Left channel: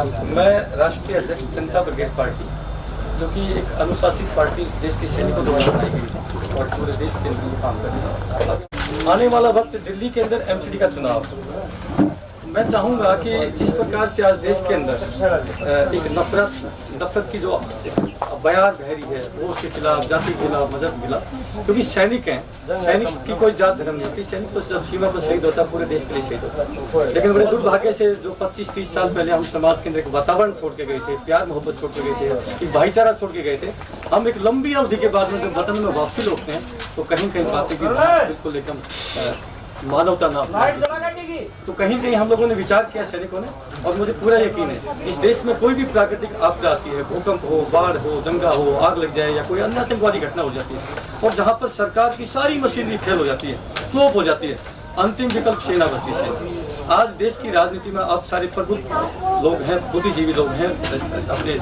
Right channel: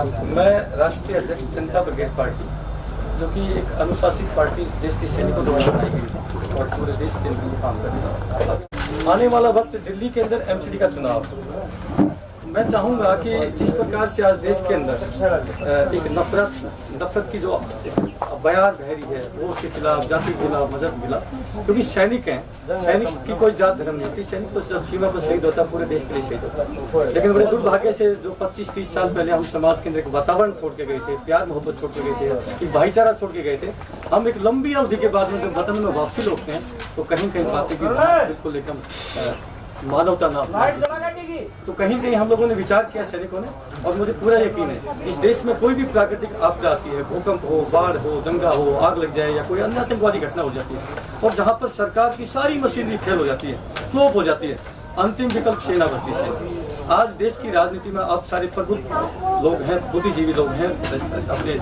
मैं राष्ट्रीय अध्यक्ष जनता ब्रिगेड पार्टी, जो कि एक अनुशासित पार्टी इस देश के सैनिकों द्वारा बनाई गई है और पूरे देश के लिए काम कर रही है। आने वाला वक्त दिल्ली के अंदर एमसीडी का चुनाव, मैं चाहूँगा कि जिस प्रकार से आज देश के अंदर एक नफरत की जो बयार बह रही है, वो उसके खिलाफ, जाति के खिलाफ, मजहब के खिलाफ, क्योंकि सैनिक हैं, सैनिक की कोई जात धर्म नहीं होती। सैनिक तो जब सीमा पर शहीद होता है, पूरे देश के लिए शहीद होता है। लेकिन बड़े दुर्भाग्य से जो 25-30 साल पहले हम समाज के अंदर एक वातावरण छोड़ के गए थे, प्यार मोहब्बत छोड़ के गए थे, एक भाईचारा छोड़ के गए थे, हम एक लंबी अवधि के बाद में जब वतन में वापसी लौटते हैं तो कहीं कहीं पाते कि बिल्कुल एकदम मानवता ना, तो कहीं कहीं हम लोगों ने विचार किया सैनिकों ने, और मुझे पूरा यकीन है इस देश में कोई भी प्राकृतिक आपदा आती है, भूकंप हो, बाढ़ हो, दंगा हो, आग लग जाए या कोई अन्य आतंकवादी घटना हो जाती है, और जहाँ पर सरकार की सारी मशीनरी फेल हो जाती है, फ्लॉप हो जाती है, अंतिम विकल्प सेना बस्ती से। आज देश की राजनीति में आप सारे प्रबुद्ध लोग हैं, बुद्धिजीवी लोग हैं, अपने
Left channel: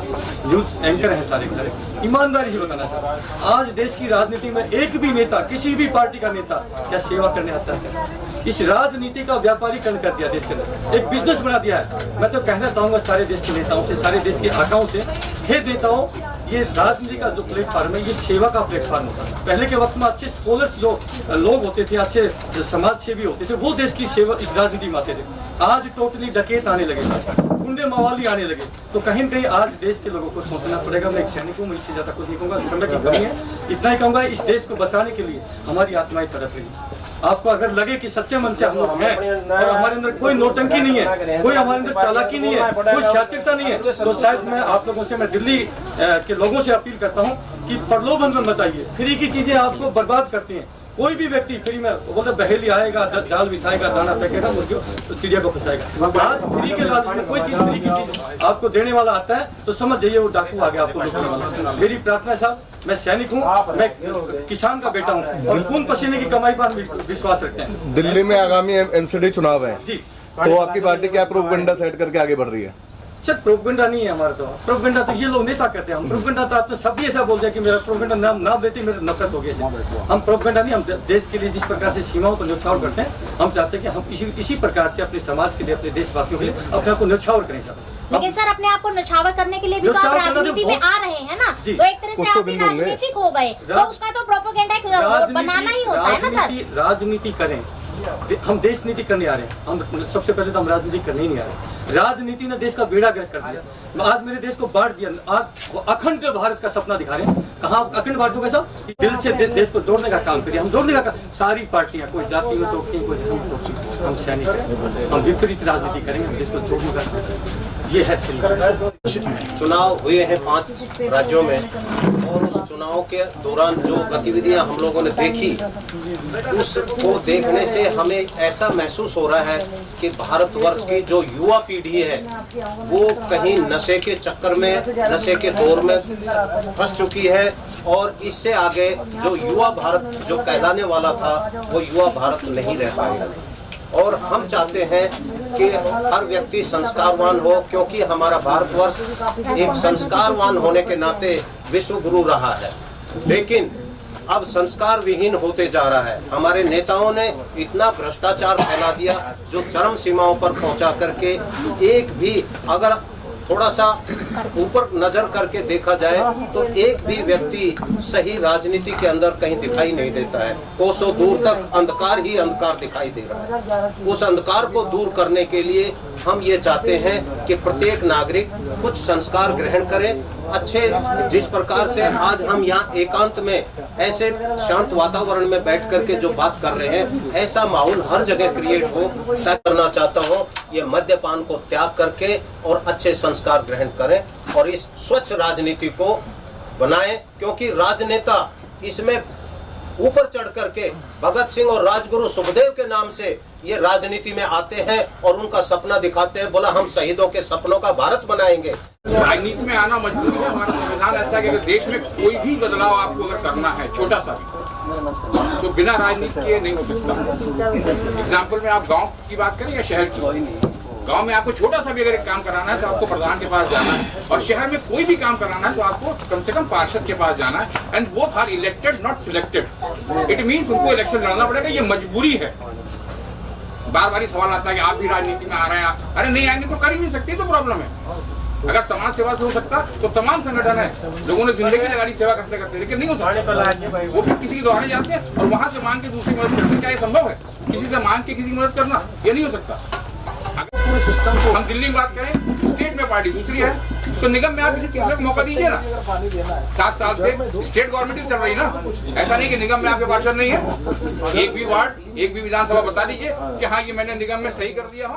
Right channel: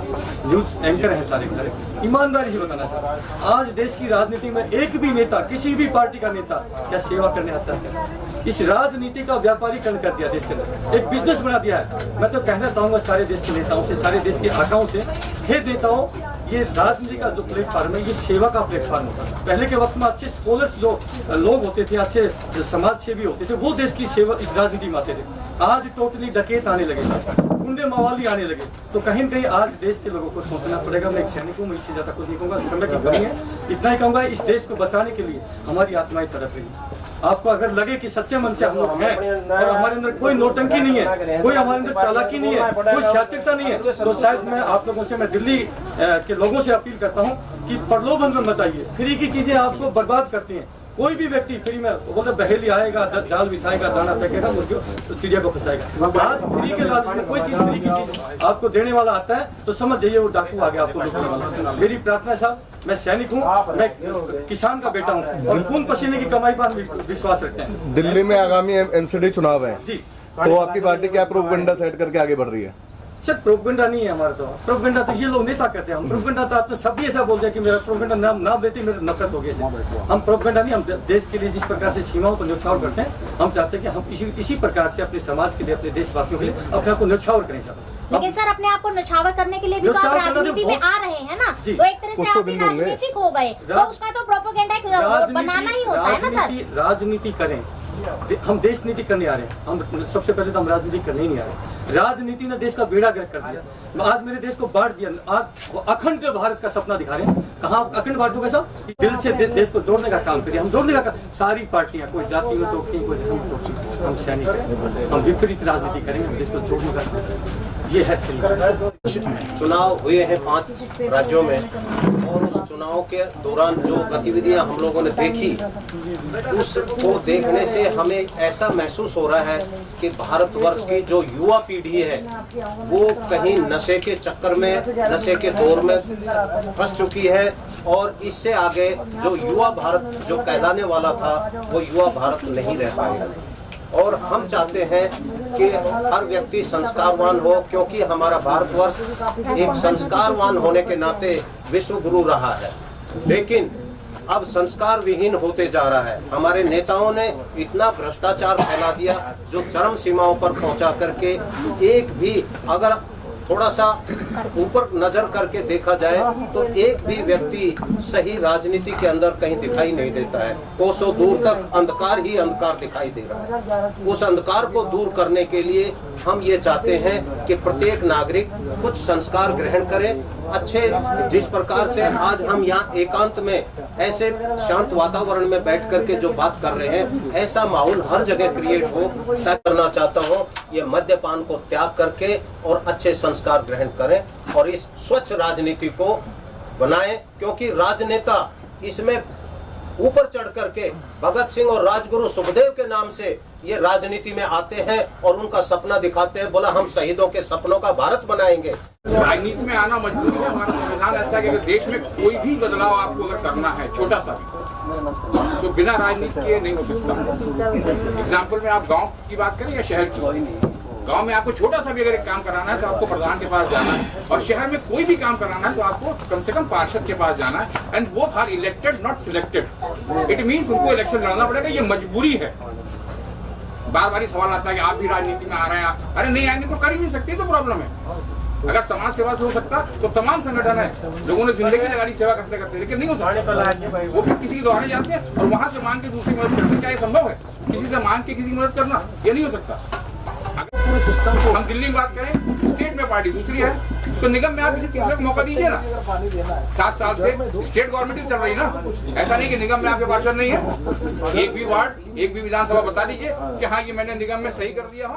न्यूज एंकर हैं, सारे ईमानदारी से बताना चाहता हूँ, आज देश की राजनीति में एक भी नेता, किसी भी पार्टी का नेता क्या सेवा करने आता है? इस राजनीति का व्यापारीकरण कर दिया देश के अंदर, एक बिजनेस बना दिया है। मैं तो कहना चाहूंगा सारे देश के नेताओं से, सारे देश के आकाओं से, हे नेताओं, ये राजनीति का जो प्लेटफॉर्म है, ये सेवा का प्लेटफॉर्म होता है। पहले के वक्त में अच्छे स्कॉलर्स जो लोग होते थे, अच्छे समाज सेवी होते थे, वो देश की सेवा इस राजनीति में आते थे। आज टोटली डकैत आने लगे, गुंडे मवाली आने लगे, तो कहीं न कहीं आज देश के लोगों को सोचना पड़ेगा। मैं एक सैनिक हूँ, मैं इससे ज्यादा कुछ नहीं कहूँगा, समय की कमी है, इतना ही कहूँगा, इस देश को बचाने के लिए हमारी आत्माएं तड़प रही। आपको अगर लगे कि सच्चे मन से हम लोग हैं और हमारे अंदर कोई नौटंकी नहीं है, कोई हमारे अंदर चालाकी नहीं है, कोई शातिरता नहीं है, तो शायद मैं आप लोगों से, मैं दिल्ली के लोगों से अपील करता हूं कि प्रलोभन में मत आइए। फ्री की चीजें आपको बर्बाद करती हैं। कोई भी व्यक्ति फ्री में बोलते बहेली आएगा, जाल बिछाएगा, दाना फेंकेगा, मुर्गियों तो चिड़िया को फंसाएगा। आज फ्री के लालच में कोई चीज, फ्री की चीज आपको देने वाला आता है तो समझ जाइए वो डाकू आ गया आपको लूटने वाला। मेरी प्रार्थना है साहब, मैं सैनिक हूँ, मैं किसान का बेटा हूँ और खून पसीने की कमाई पर विश्वास रखते हैं। दिल्ली में आगामी एमसीडी चुनाव है जी, तो आपकी पार्टी क्या प्रोपेगेंडा सेट करके आगे बढ़ रही है? सर प्रोपेगेंडा नहीं है हमारा, तो प्रोपेगेंडा तो ये लोग नेता करते हैं। हम प्रोपेगेंडा तो आप तो सभी ऐसा बोलते हैं कि मेरा प्रोपेगेंडा नाम लेते मेरे नफरत हो गई। हम प्रोपेगेंडा नहीं, हम देश के लिए जिस प्रकार से सीमाओं को न्यौछावर करते हैं, हम चाहते हैं कि हम इसी प्रकार से अपने समाज के लिए, अपने देशवासियों के लिए अपने आप को न्यौछावर करें सर। लेकिन सर अपने आप को न्यौछावर करने के लिए भी तो आप राजनीति में आ रहे हैं ना, तो एक तरह से आप भी राजनीतिक हो गए, तो उसका तो प्रोपेगेंडा बनाना ही होता है ना सर। राजनीति करें, हम देश नीति करने आ रहे हैं। हम सबसे पहले तो हम राजनीति करने ही नहीं आ रहे। राजनीति ने देश का बेड़ा गर्क कर दिया, आज मेरे देश को बांट दिया। आज अखंड भारत का सपना दिखा रहे हैं। कहाँ अखंड भारत होगा साहब? दिल से देश को जोड़ने का काम करिए, हम जोड़ने का काम। सारी पार्टियां, कोई जाति में तो कोई धर्म में तो, हम सैनिक हैं, हम विपरीत राजनीति करेंगे, हम देश को जोड़ने का ये है। चुनाव हुए हैं 5 राज्यों में, और उस चुनाव के दौरान जो गतिविधियां हम लोगों ने देखी, उसको देखने से हमें ऐसा महसूस हो रहा है कि भारतवर्ष की जो युवा पीढ़ी है वो कहीं नशे के चक्कर में, नशे के दौर में फंस चुकी है, और इससे आगे जो युवा भारत जो कहलाने वाला था वो युवा भारत नहीं रह पाएगा। और हम चाहते हैं कि हर व्यक्ति संस्कारवान हो, क्योंकि हमारा भारतवर्ष एक संस्कारवान होने के नाते विश्व गुरु रहा है, लेकिन अब संस्कार विहीन होते जा रहा है। हमारे नेताओं ने इतना भ्रष्टाचार फैला दिया जो चरम सीमाओं पर पहुंचा करके एक भी, अगर थोड़ा सा ऊपर नजर करके देखा जाए तो एक भी व्यक्ति सही राजनीति के अंदर कहीं दिखाई नहीं देता है। कोसों दूर तक अंधकार ही अंधकार दिखाई दे रहा है। उस अंधकार को दूर करने के लिए हम ये चाहते हैं कि प्रत्येक नागरिक कुछ संस्कार ग्रहण करे। अच्छे, जिस प्रकार से आज हम यहाँ एकांत में ऐसे शांत वातावरण में बैठ करके जो बात कर रहे हैं, ऐसा माहौल हर जगह क्रिएट हो। तय करना चाहता हूँ ये मद्यपान को त्याग करके और अच्छे संस्कार ग्रहण करें और इस स्वच्छ राजनीति को बनाएं, क्योंकि राजनेता इसमें ऊपर चढ़ करके भगत सिंह और राजगुरु सुखदेव के नाम से ये राजनीति में आते हैं और उनका सपना दिखाते हैं, बोला हम शहीदों के सपनों का भारत बनाएंगे। राजनीति में आना मजबूरी है। हमारा संविधान ऐसा है कि अगर देश में कोई भी बदलाव आपको अगर करना है, छोटा सा भी, तो बिना राजनीति के नहीं हो सकता। एग्जाम्पल में आप गाँव की बात करें या शहर की, गांव में आपको छोटा सा भी अगर एक काम कराना है तो आपको प्रधान के पास जाना है, और शहर में कोई भी काम कराना है तो आपको कम से कम पार्षद के पास जाना है। And both are elected not selected. It means उनको इलेक्शन लड़ना पड़ेगा, ये मजबूरी है। बार बार सवाल आता है कि आप भी राजनीति में आ रहे हैं। अरे नहीं आएंगे तो कर ही नहीं सकते, तो प्रॉब्लम है। अगर समाज सेवा से हो सकता तो तमाम संगठन है, लोगों ने जिंदगी लगा दी सेवा करते करते, लेकिन नहीं हो सकता। वो फिर किसी के द्वारा जाते हैं और वहां से मांग के दूसरी मदद करते हैं। क्या ये संभव है? किसी से मांग के किसी की मदद करना, ये नहीं हो सकता। पूरे सिस्टम को हम दिल्ली में बात करें, स्टेट में पार्टी दूसरी है, तो निगम में आप किसी तीसरे को मौका दीजिए ना। 7 साल से स्टेट गवर्नमेंट ही चल रही ना, ऐसा नहीं कि निगम में आपके पार्षद नहीं है। एक भी वार्ड, एक भी विधानसभा बता दीजिए कि हाँ ये मैंने निगम में सही कर दिया हो।